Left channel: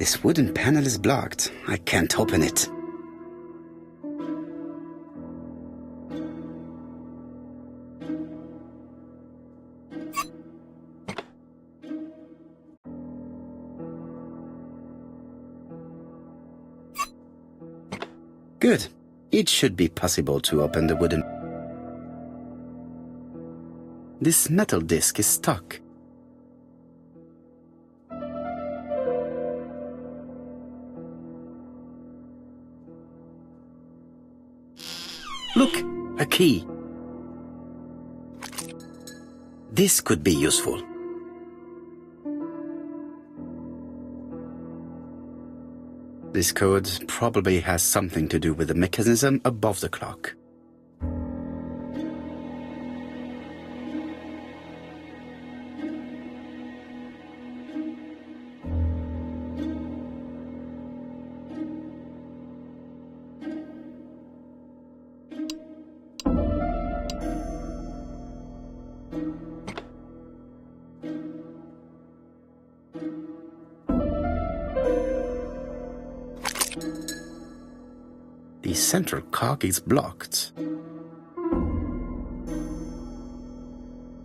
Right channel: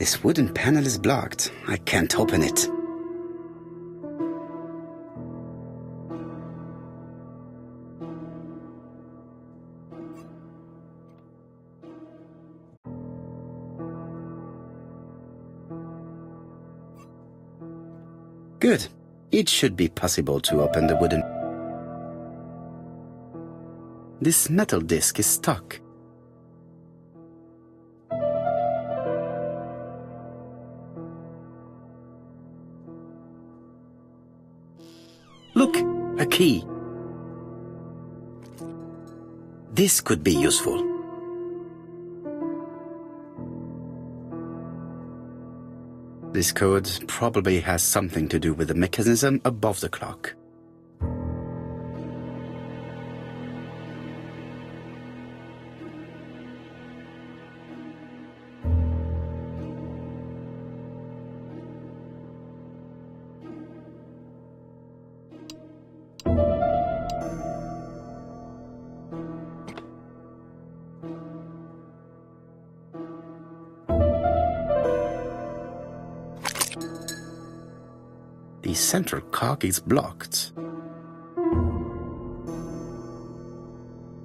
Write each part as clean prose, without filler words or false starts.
This wooden panel is blocked. I can't open it. Good. It should be possible to open the wooden... This metal disc is stuck. Look, a key. This could be useful. This code probably has something to do with the mechanism above the clock. The central cock is blocked.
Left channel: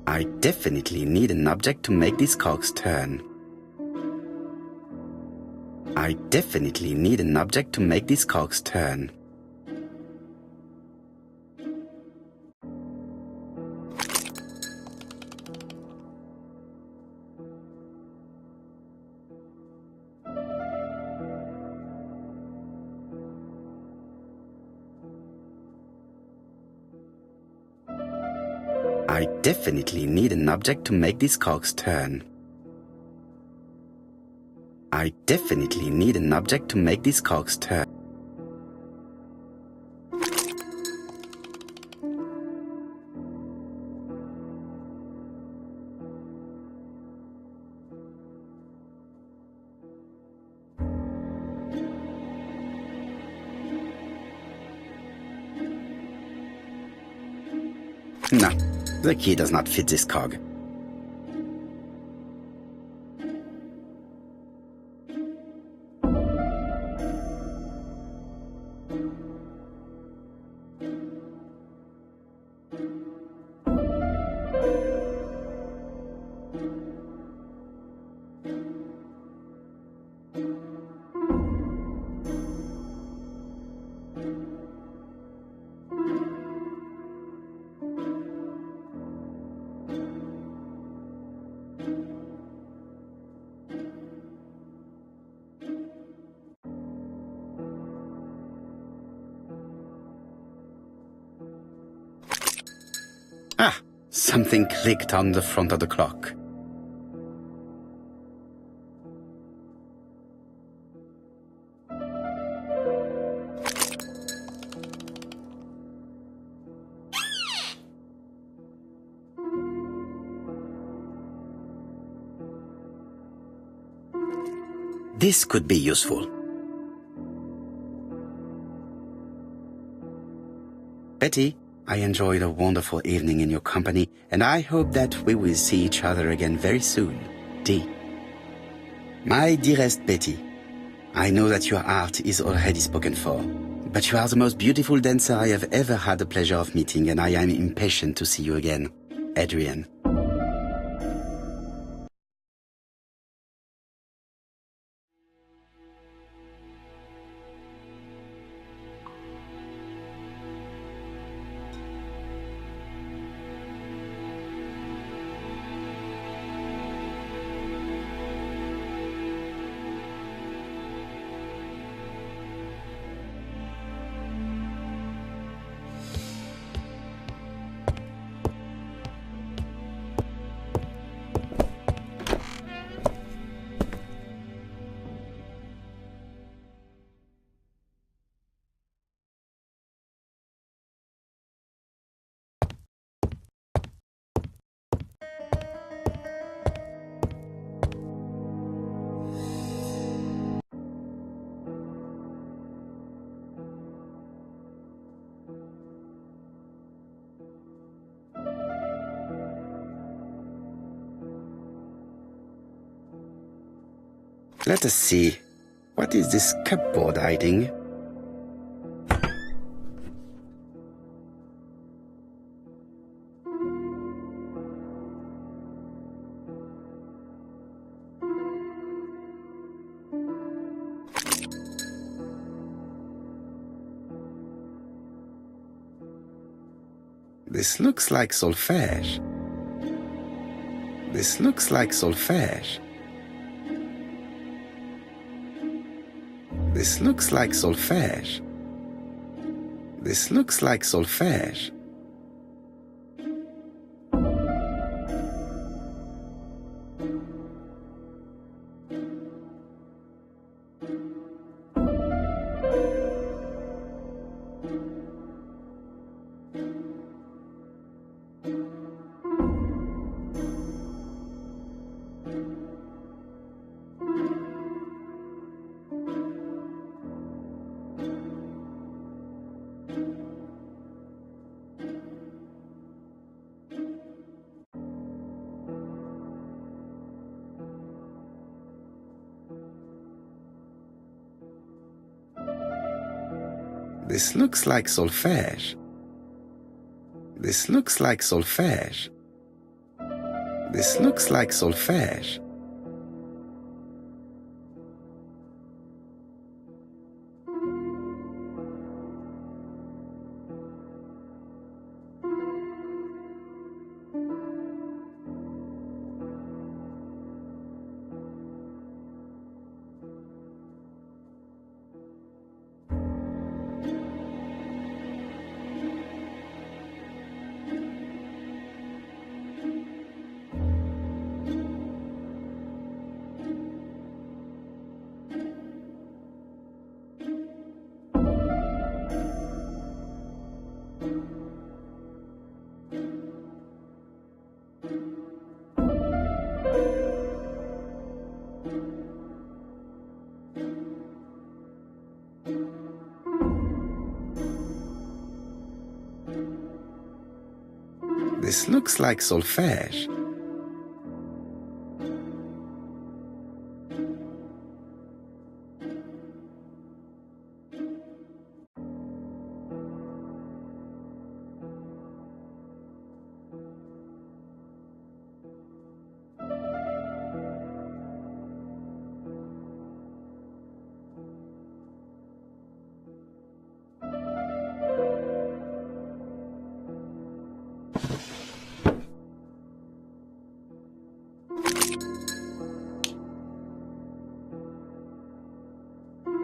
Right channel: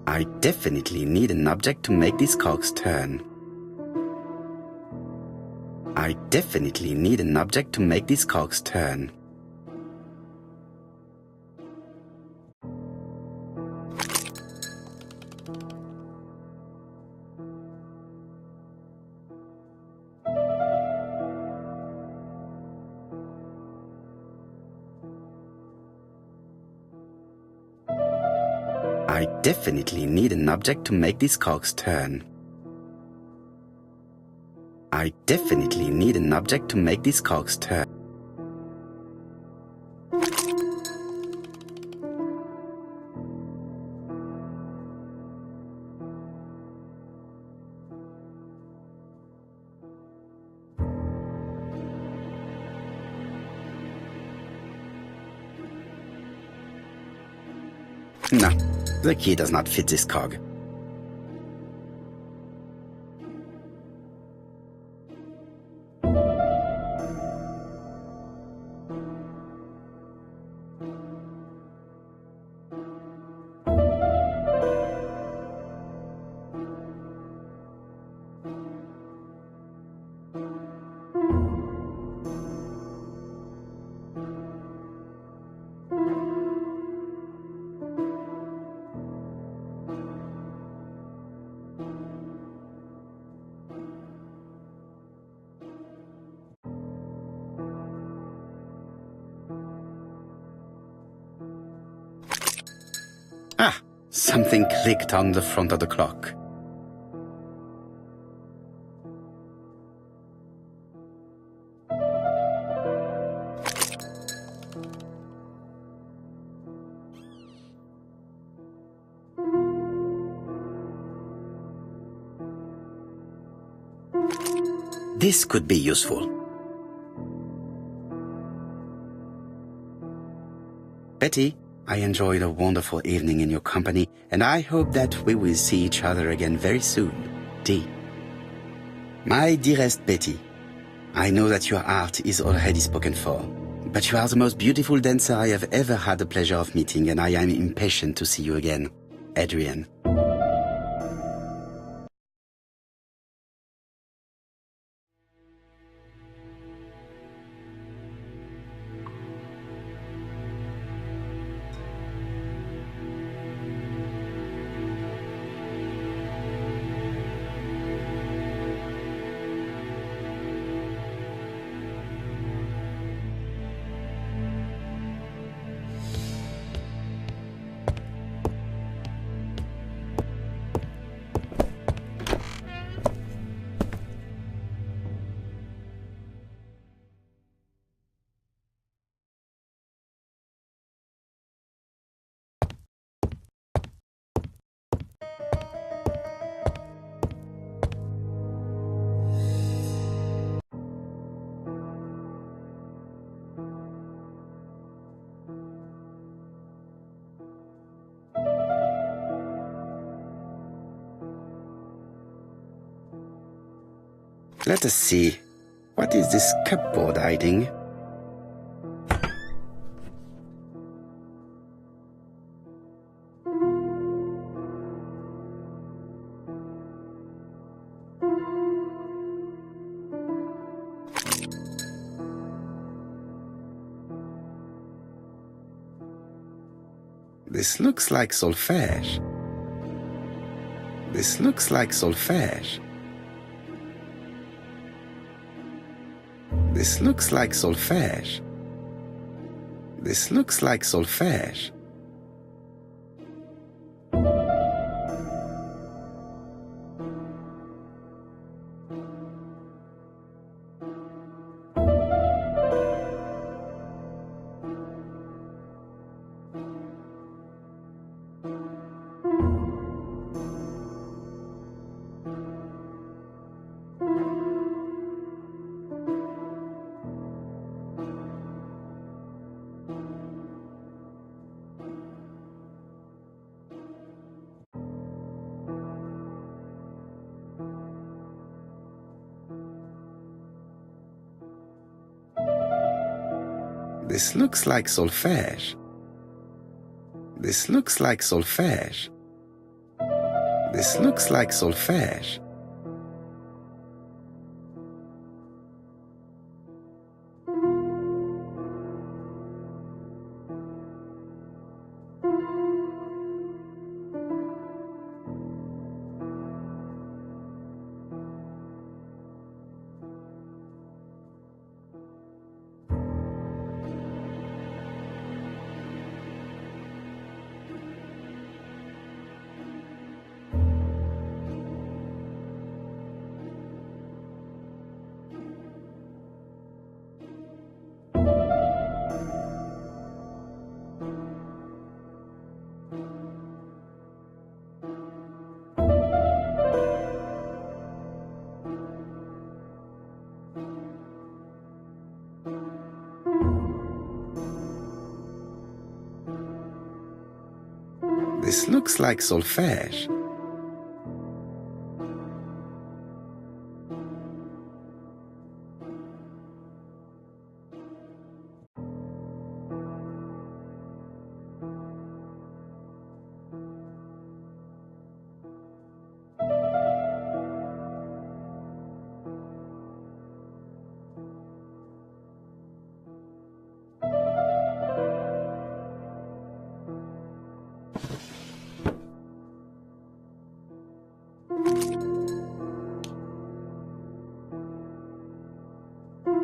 I definitely need an object to make these cocks turn. I definitely need an object to make these cocks turn. I definitely need an object to make these cocks turn. I definitely need an object to make these cocks turn. No. The key does not fit this cog. Ah, something clicked on the front of the clock. This could be useful. Betty, I enjoyed a wonderful evening in your company, and I hope that we will see each other again very soon. D. My dearest Betty, I know that your art is already spoken for, but you are the most beautiful dancer I have ever had the pleasure of meeting, and I am impatient to see you again. Adrian. Let us see. What is this cupboard hiding? This looks like solfège. This looks like solfège. This looks like solfège. This looks like solfège. This looks like solfège. This looks like solfège. This looks like solfège. This looks like solfège.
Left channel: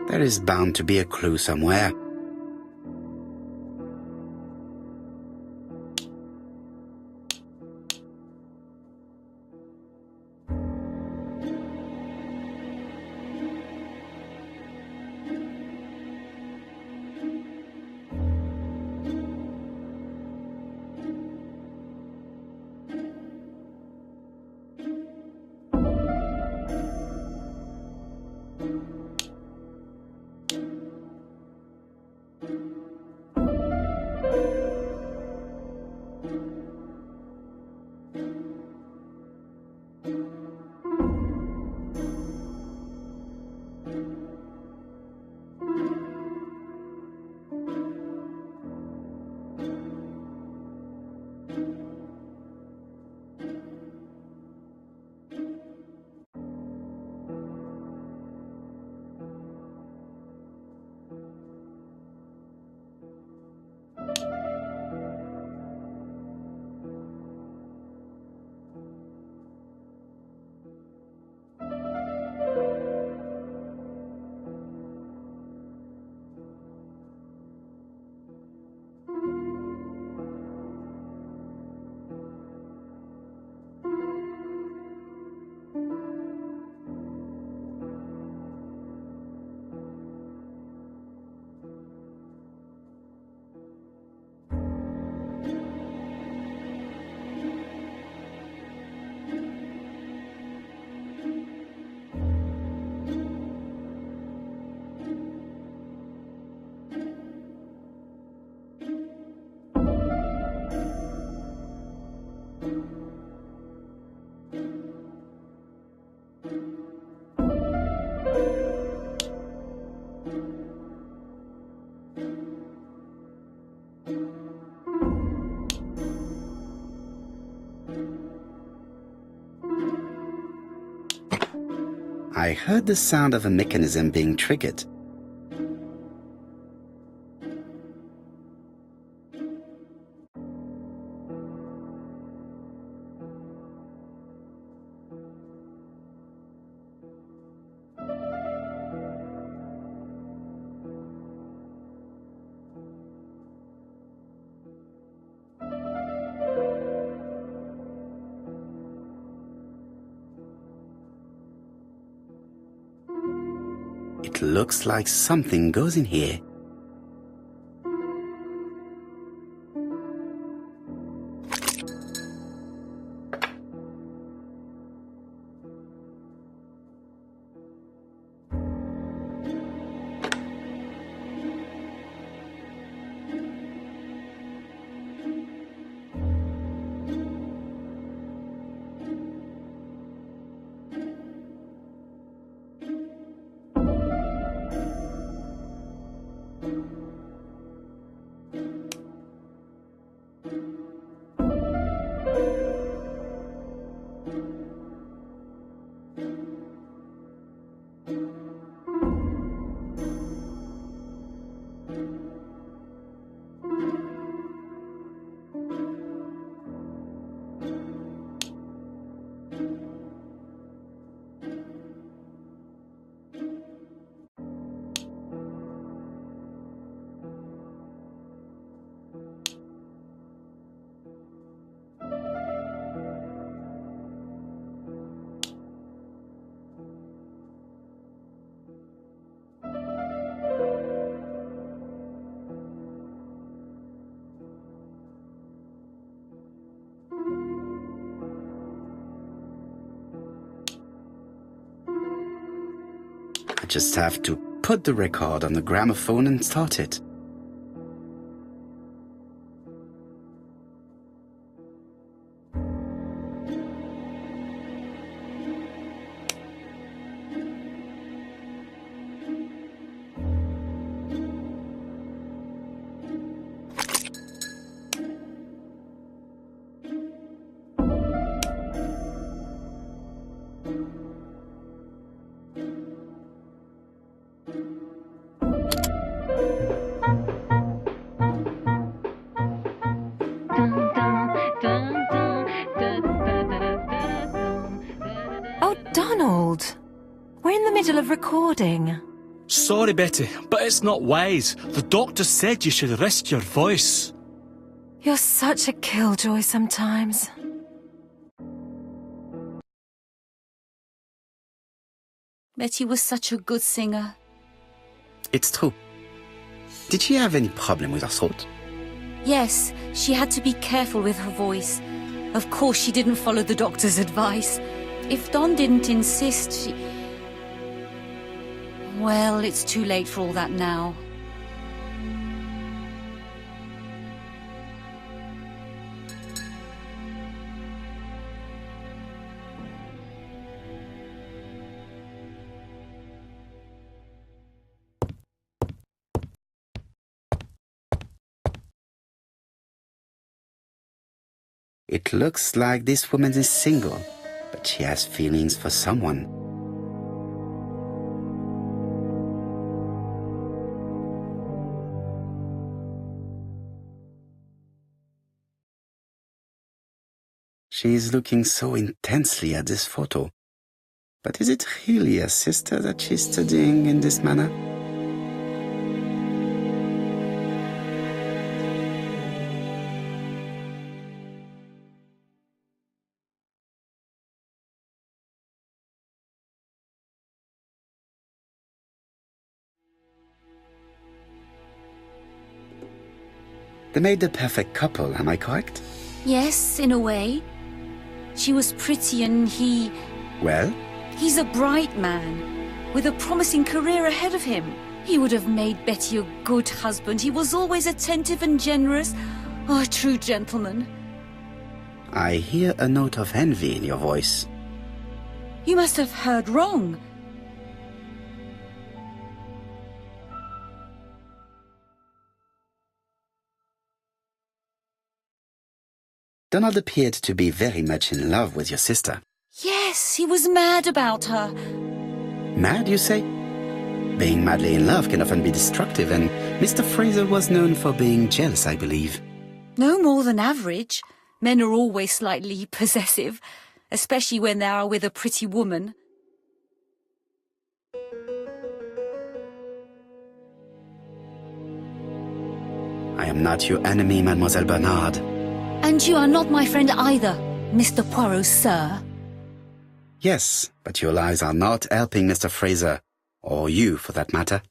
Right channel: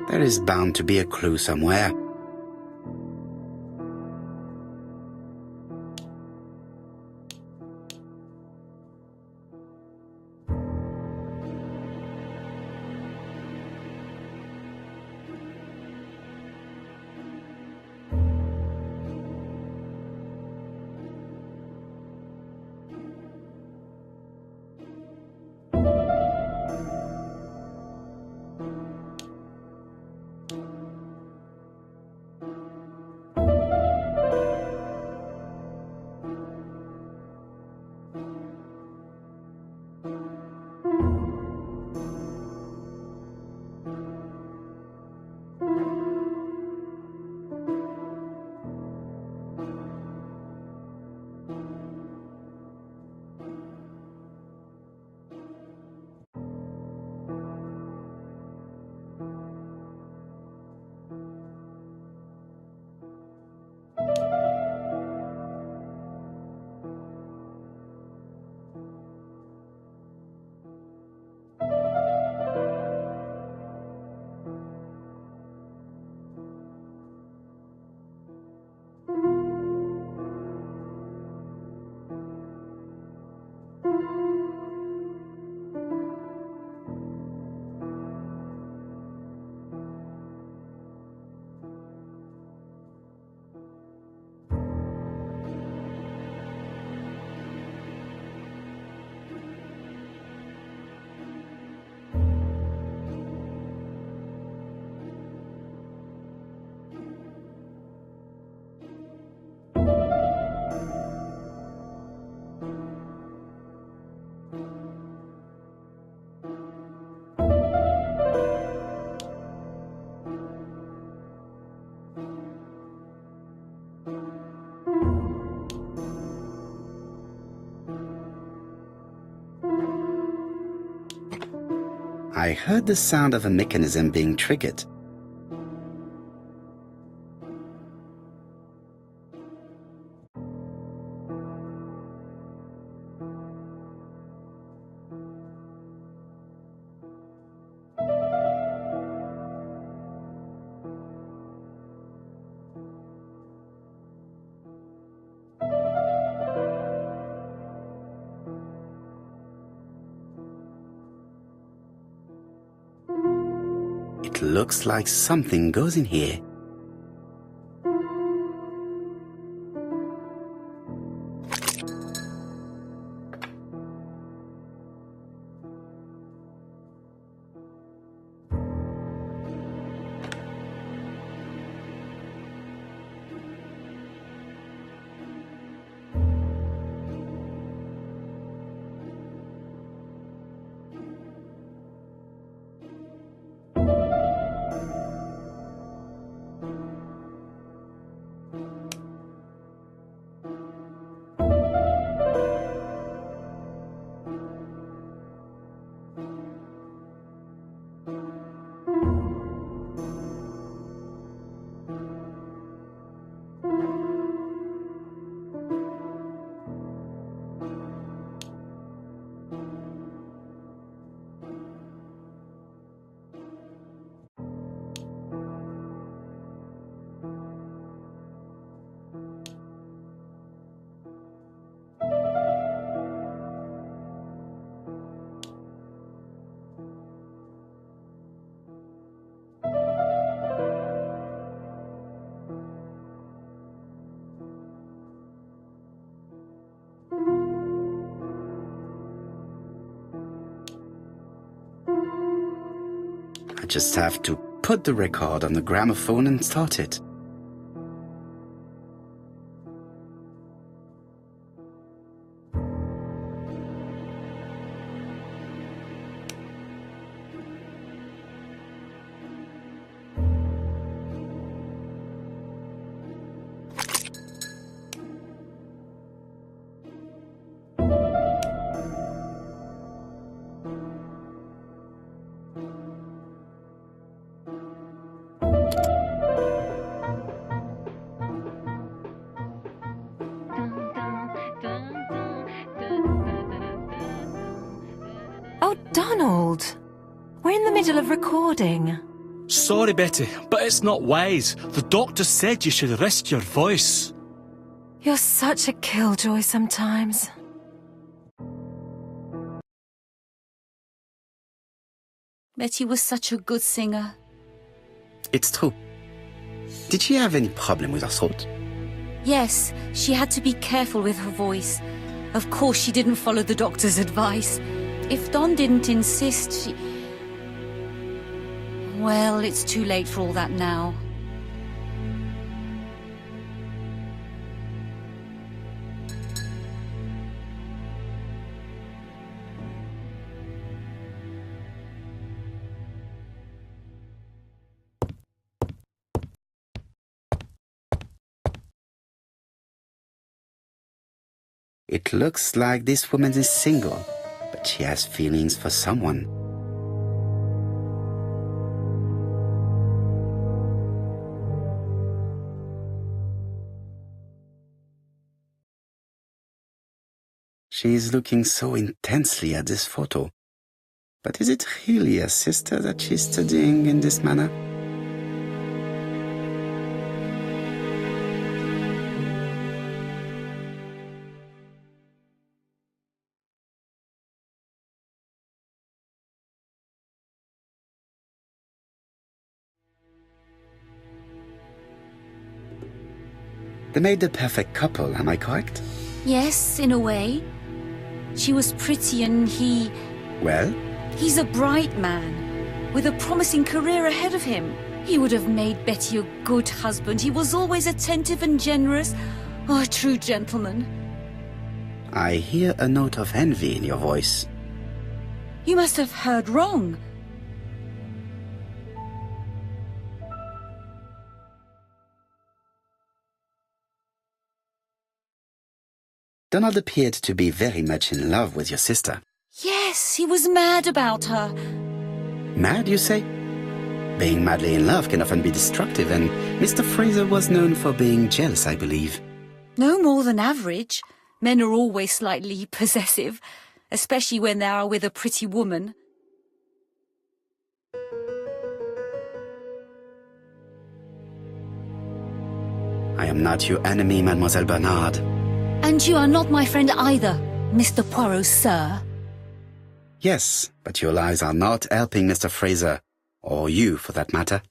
There is bound to be a clue somewhere. I heard the sound of a mechanism being triggered. It looks like something goes in here. I just have to put the record on the gramophone and start it. Oh, Donald! We're in the middle of recording. Sorry, Betty, but it's not wise. The doctor said you should rest your voice. You're such a killjoy sometimes. Betty was such a good singer. It's true. Did she have any problem with her throat? Yes, she had to be careful with her voice. Of course, she didn't follow the doctor's advice. If Don didn't insist, she... Well, it's too late for all that now. It looks like this woman is single, but she has feelings for someone. She is looking so intensely at this photo. But is it really her sister that she's studying in this manner? They made the perfect couple, am I correct? Yes, in a way. She was pretty and he... Well? He's a bright man, with a promising career ahead of him. He would have made Betty a good husband. He was always attentive and generous. Oh, a true gentleman. I hear a note of envy in your voice. You must have heard wrong. Donald appeared to be very much in love with your sister. Yes, he was mad about her. Mad, you say? Being madly in love can often be destructive, and Mr. Fraser was known for being jealous, I believe. No more than average. Men are always slightly possessive, especially when they are with a pretty woman. I am not your enemy, Mademoiselle Bernard. And you are not my friend either, Mr. Poirot, sir. Yes, but your lies are not helping Mr. Fraser, or you for that matter.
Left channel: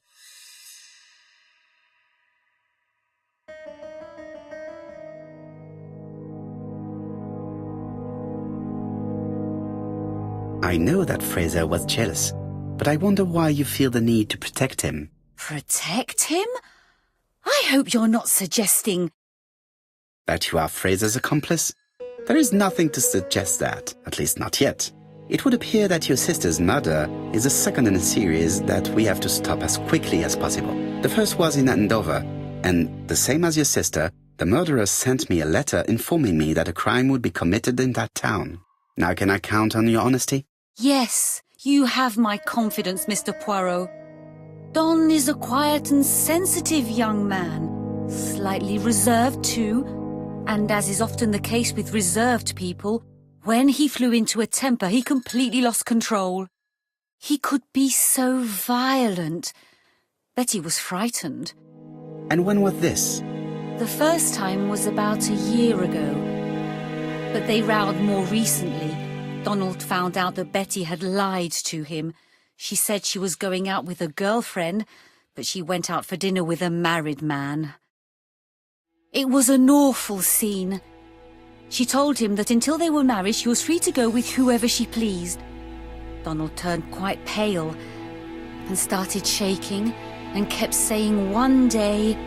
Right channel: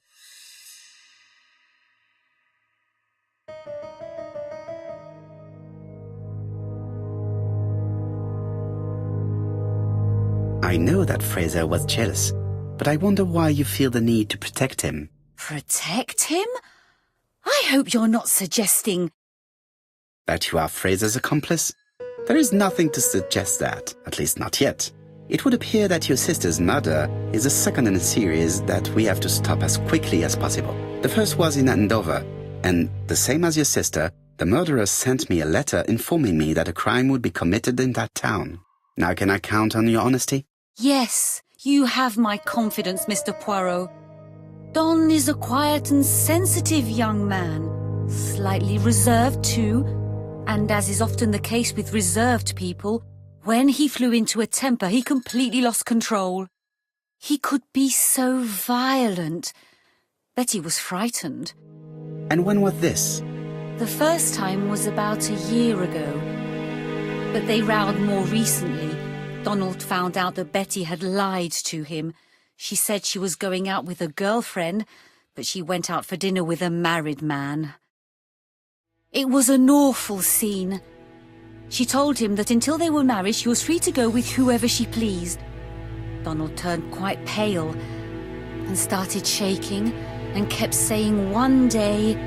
I know that Fraser was jealous, but I wonder why you feel the need to protect him. Protect him? I hope you're not suggesting... That you are Fraser's accomplice? There is nothing to suggest that, at least not yet. It would appear that your sister's murder is the second in a series that we have to stop as quickly as possible. The first was in Andover, and the same as your sister, the murderer sent me a letter informing me that a crime would be committed in that town. Now can I count on your honesty? Yes, you have my confidence, Mr. Poirot. Don is a quiet and sensitive young man, slightly reserved too, and as is often the case with reserved people, when he flew into a temper, he completely lost control. He could be so violent. Betty was frightened. And when was this? The first time was about a year ago. But they rowed more recently. Donald found out that Betty had lied to him. She said she was going out with a girlfriend, but she went out for dinner with a married man. It was an awful scene. She told him that until they were married, she was free to go with whoever she pleased. Donald turned quite pale and started shaking and kept saying one day...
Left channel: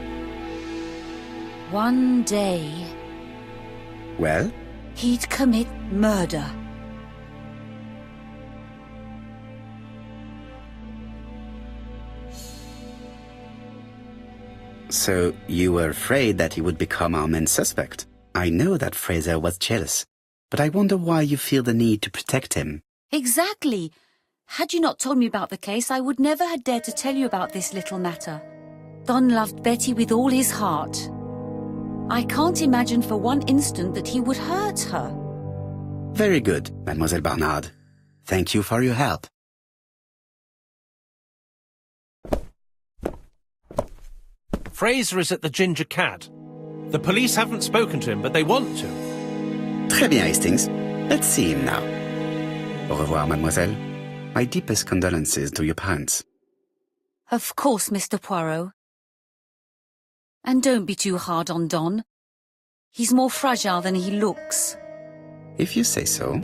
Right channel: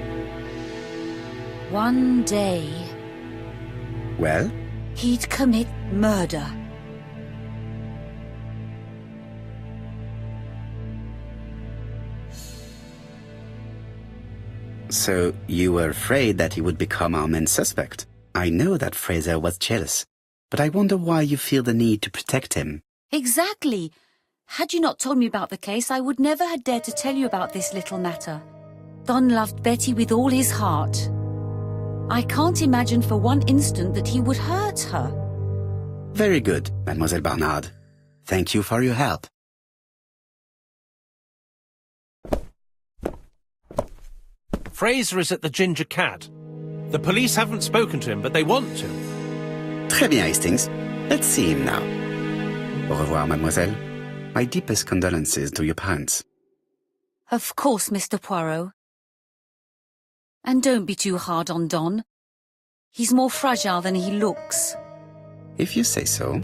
Well? He'd commit murder. So you were afraid that he would become our main suspect? I know that Fraser was jealous, but I wonder why you feel the need to protect him. Exactly. Had you not told me about the case, I would never have dared to tell you about this little matter. Don loved Betty with all his heart. I can't imagine for one instant that he would hurt her. Very good, Mademoiselle Bernard. Thank you for your help. Fraser is at the Ginger Cat. The police haven't spoken to him, but they want to. Très bien, Hastings. Let's see him now. Au revoir, mademoiselle. My deepest condolences to your parents. Of course, Mr. Poirot. And don't be too hard on Don. He's more fragile than he looks. If you say so.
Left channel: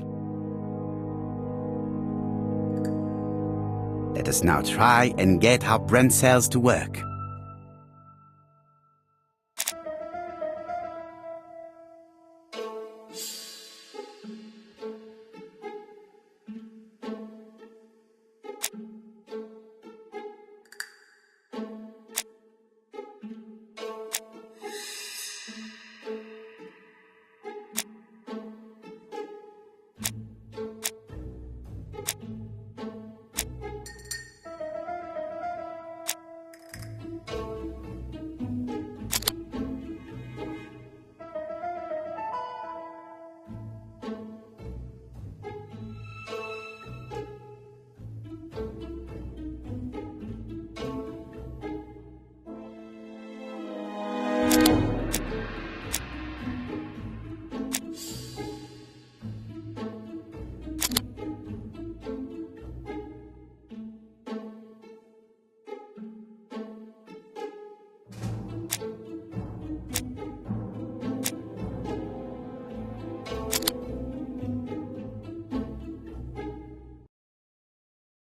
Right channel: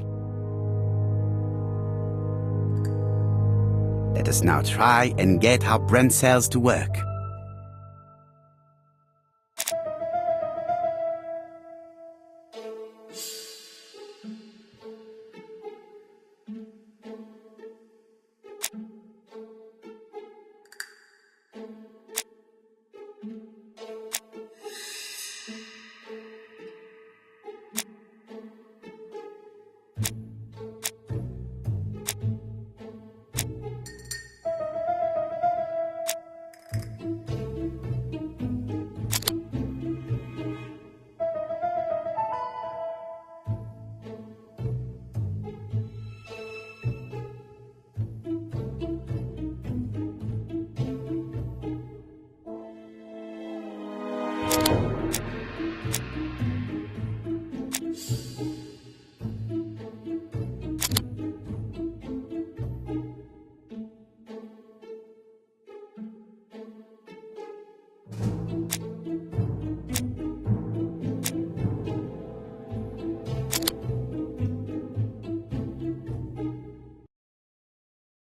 Let us now try and get our brain cells to work.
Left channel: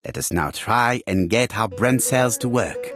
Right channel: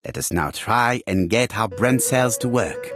Let us now try and get our brain cells to work.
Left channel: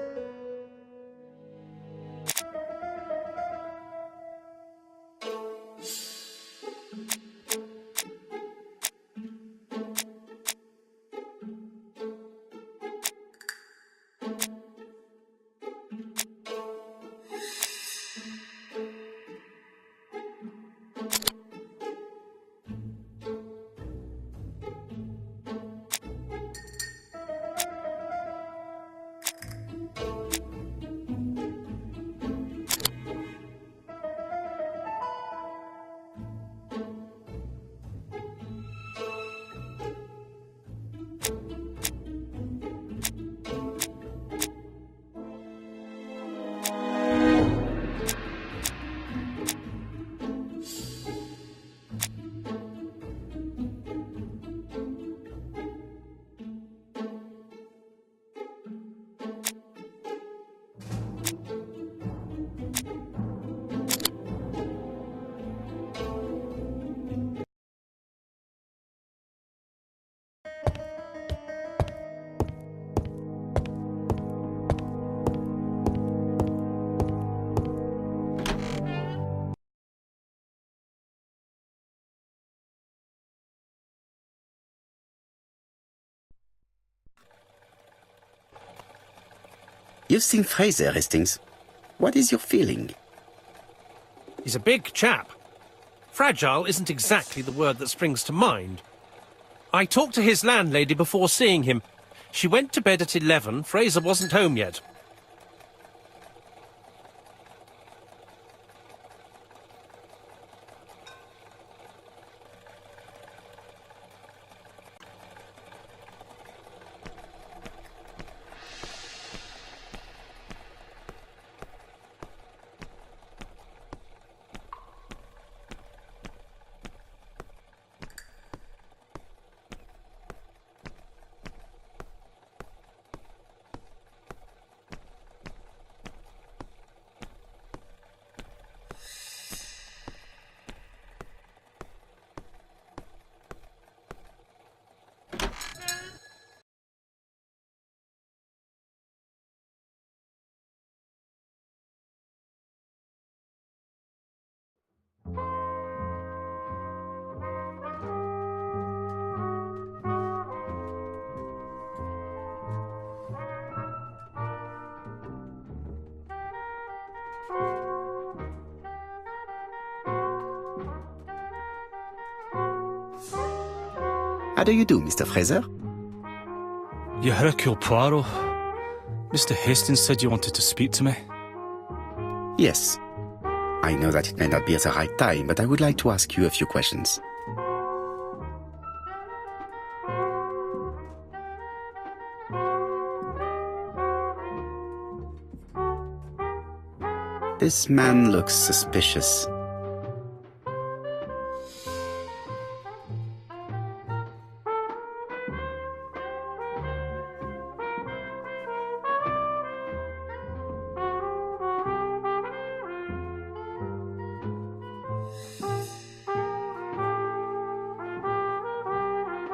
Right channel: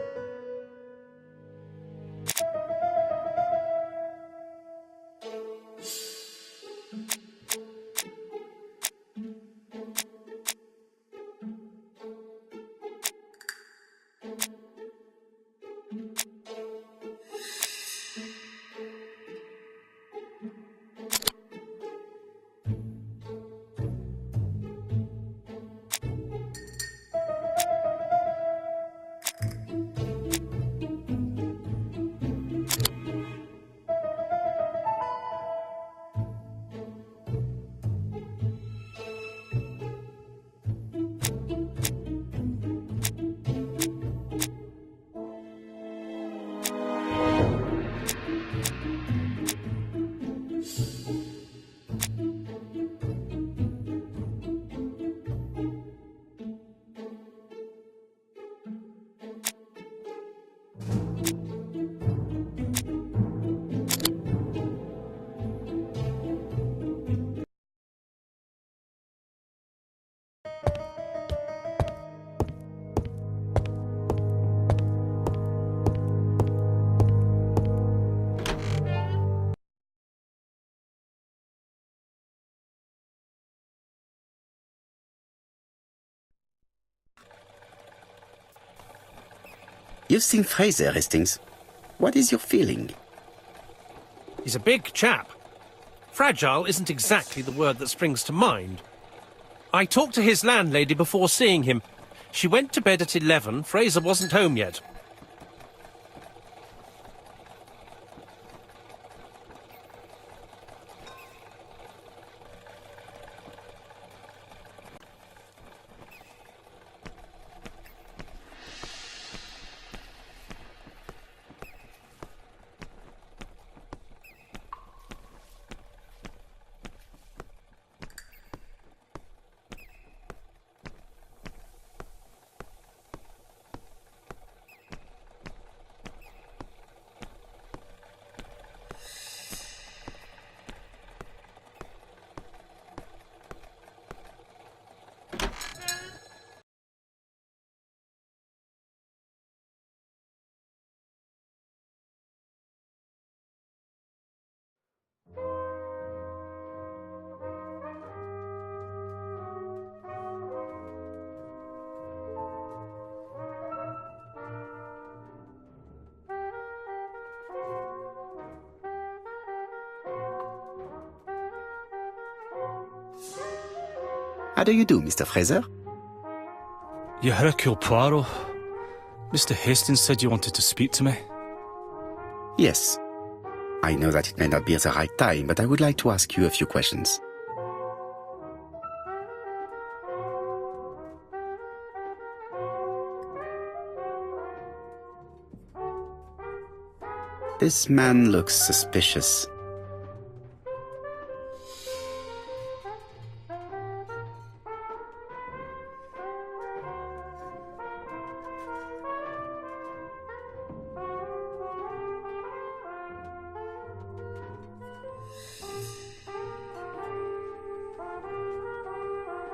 You've seen Fraser, Hastings. What is your feeling? He's a big chap. Fragile isn't exactly the word that springs to mind. I talked to his landlady before seeing him. She went to bed at 11. Fraser wasn't home yet. How do you do, Mr. Fraser? You Hercule Poirot. Mr. Hastings said you wanted to speak to me. Yes. I know that it may not be at the right time, but I would like to ask you a few questions. This man looks suspicious.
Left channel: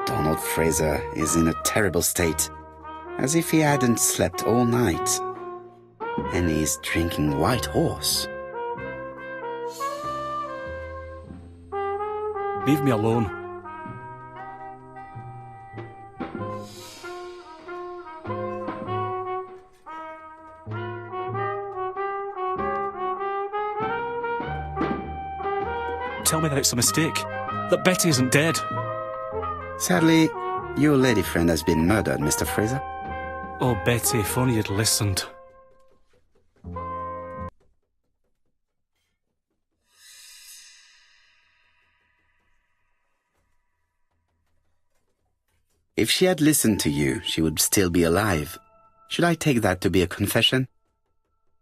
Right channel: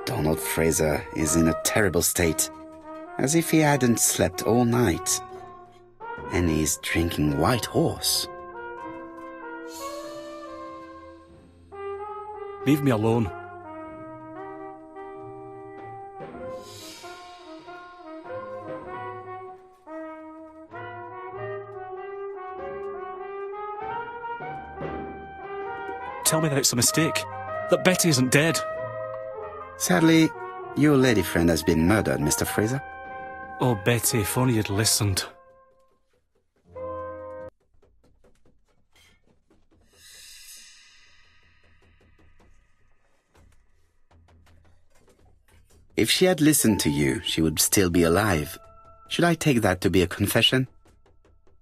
Donald Fraser is in a terrible state, as if he hadn't slept all night. And he's drinking White Horse. Leave me alone. Tell me that it's a mistake, that Betty isn't dead. Sadly, your lady friend has been murdered, Mr. Fraser. Oh, Betty, if only you'd listened. If she had listened to you, she would still be alive. Should I take that to be a confession?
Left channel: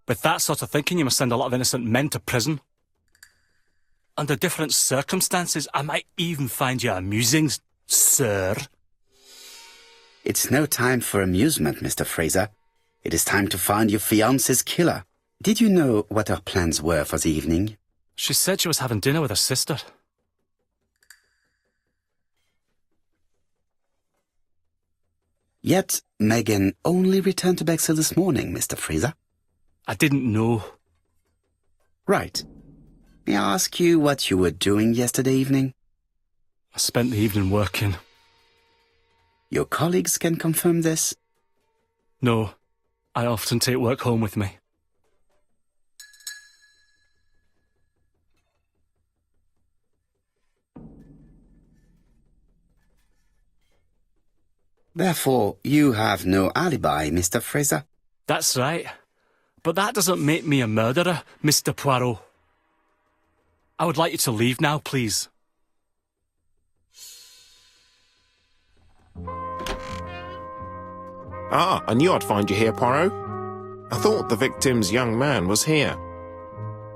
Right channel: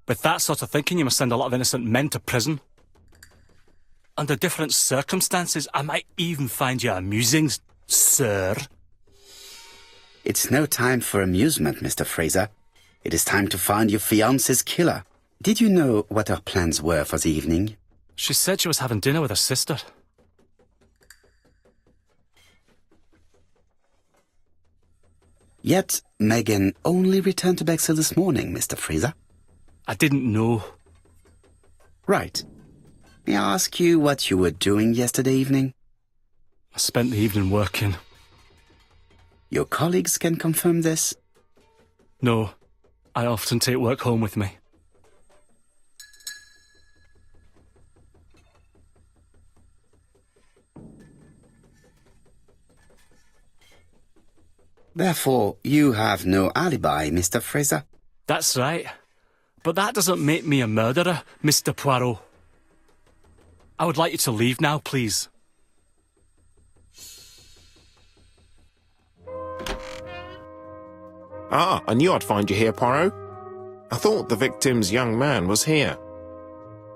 With that sort of thinking, you must send a lot of innocent men to prison. Under different circumstances, I might even find you amusing, sir. It's no time for amusement, Mr. Fraser. It is time to find your fiancé's killer. Did you know what her plans were for the evening? She said she was having dinner with her sister. Yet, Megan only returned to Bexhill this morning, Mr. Fraser. I didn't know. Right. May I ask you what you were doing yesterday evening? I spent the evening working. Your colleagues can confirm this? No, I often take work home with me. Therefore, you have no alibi, Mr. Fraser. That's right. But that doesn't make me a murderer, Mr. Poirot. I would like you to leave now, please. Ah, I knew I'd find you here, Poirot. I thought the victim's young man was here.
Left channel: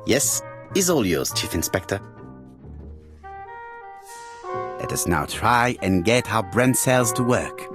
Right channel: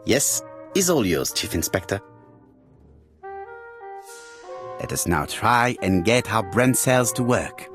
Yes, is all yours, Chief Inspector. Let us now try and get our brain cells to work.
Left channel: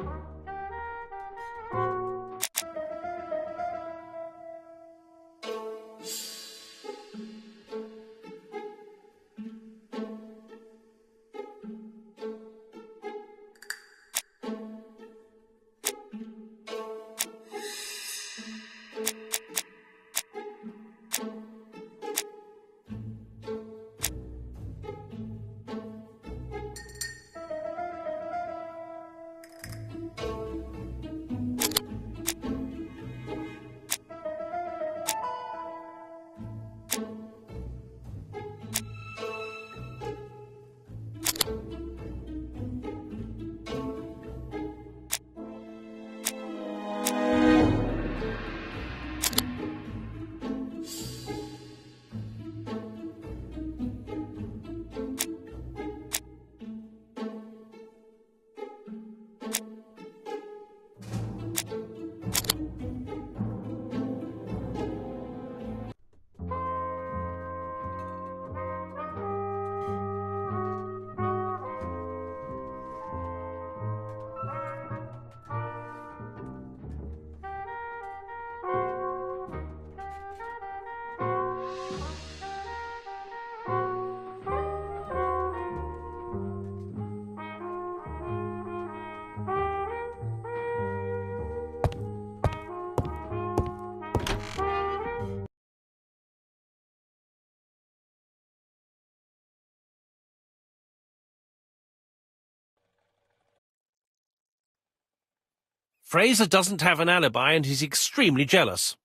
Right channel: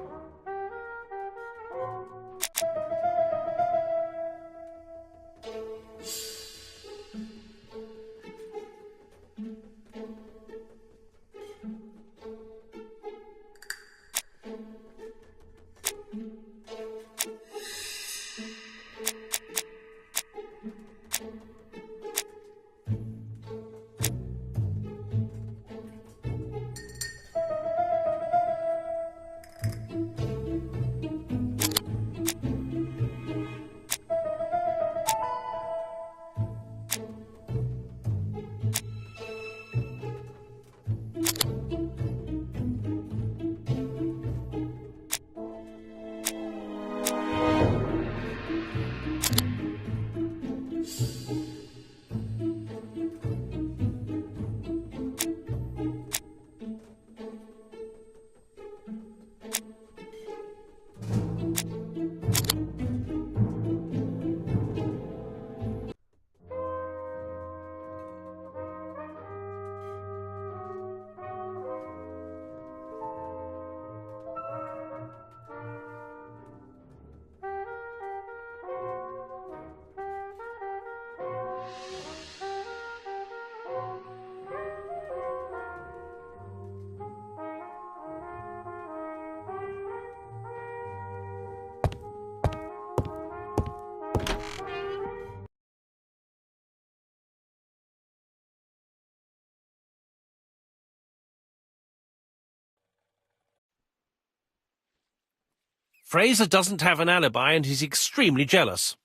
Fraser doesn't have an alibi and he's extremely jealous.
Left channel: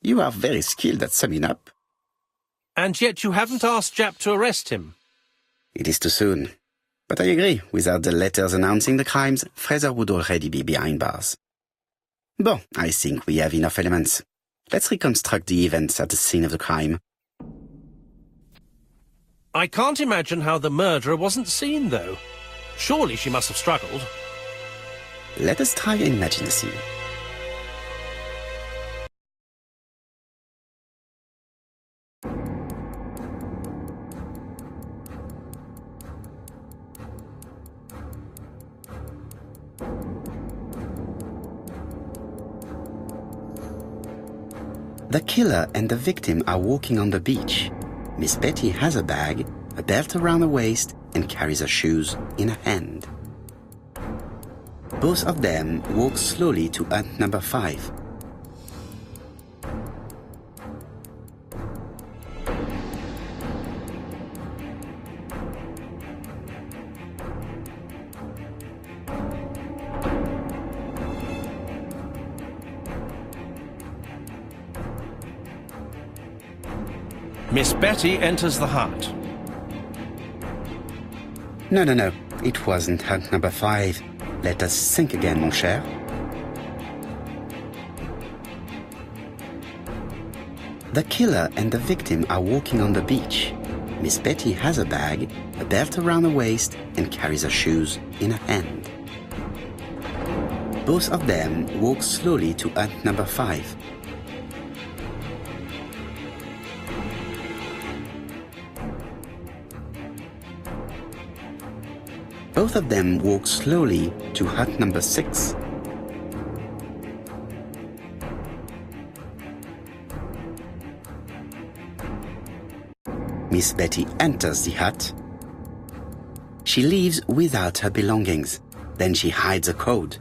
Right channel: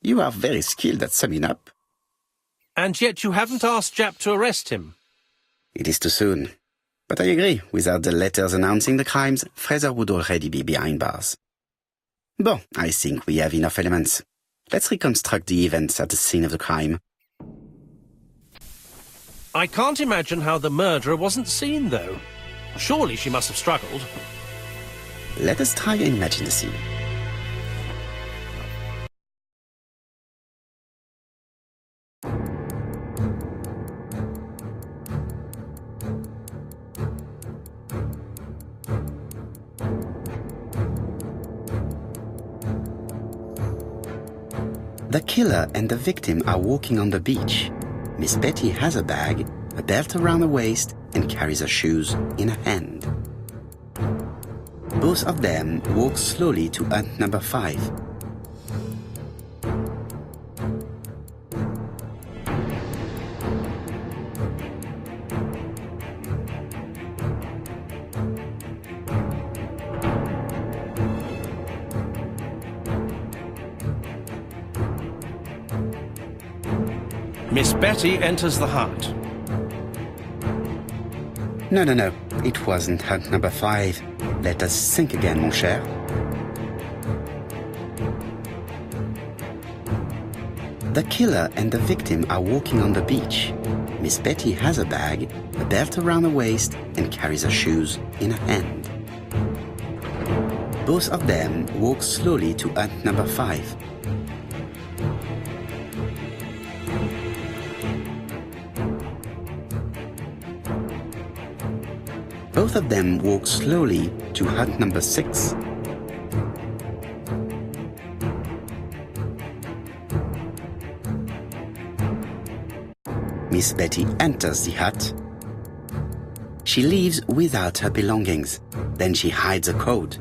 You are very skilled at summing up. And yet you haven't asked Japp to arrest him. It is too soon. But I agree, without the letters announcing the crimes, Fraser would already be behind bars. Bon, I think we have enough elements. Let's reconstruct the events at the scene of the crime. I can't imagine how the murderer wasn't seen, though. Surely she must have struggled. Let us try and imagine the scene. The killer and the victim are walking on the beach. Miss Betty has a bag, a belt around her waist, and carries her shoes in her hand. Both of them walk slowly to hut number 5. Miss Betty enters the hut. No. It wasn't hut number 5. Let us think again, mon cher. The killer and the victim are walking on the beach. Miss Betty has a bag, a belt around her waist, and carries her shoes in her hand. Both of them walk slowly to hut number 5. Both of them walk slowly to hut number 6. Miss Betty enters the hut. She leaves without her belongings. Then she hides a code.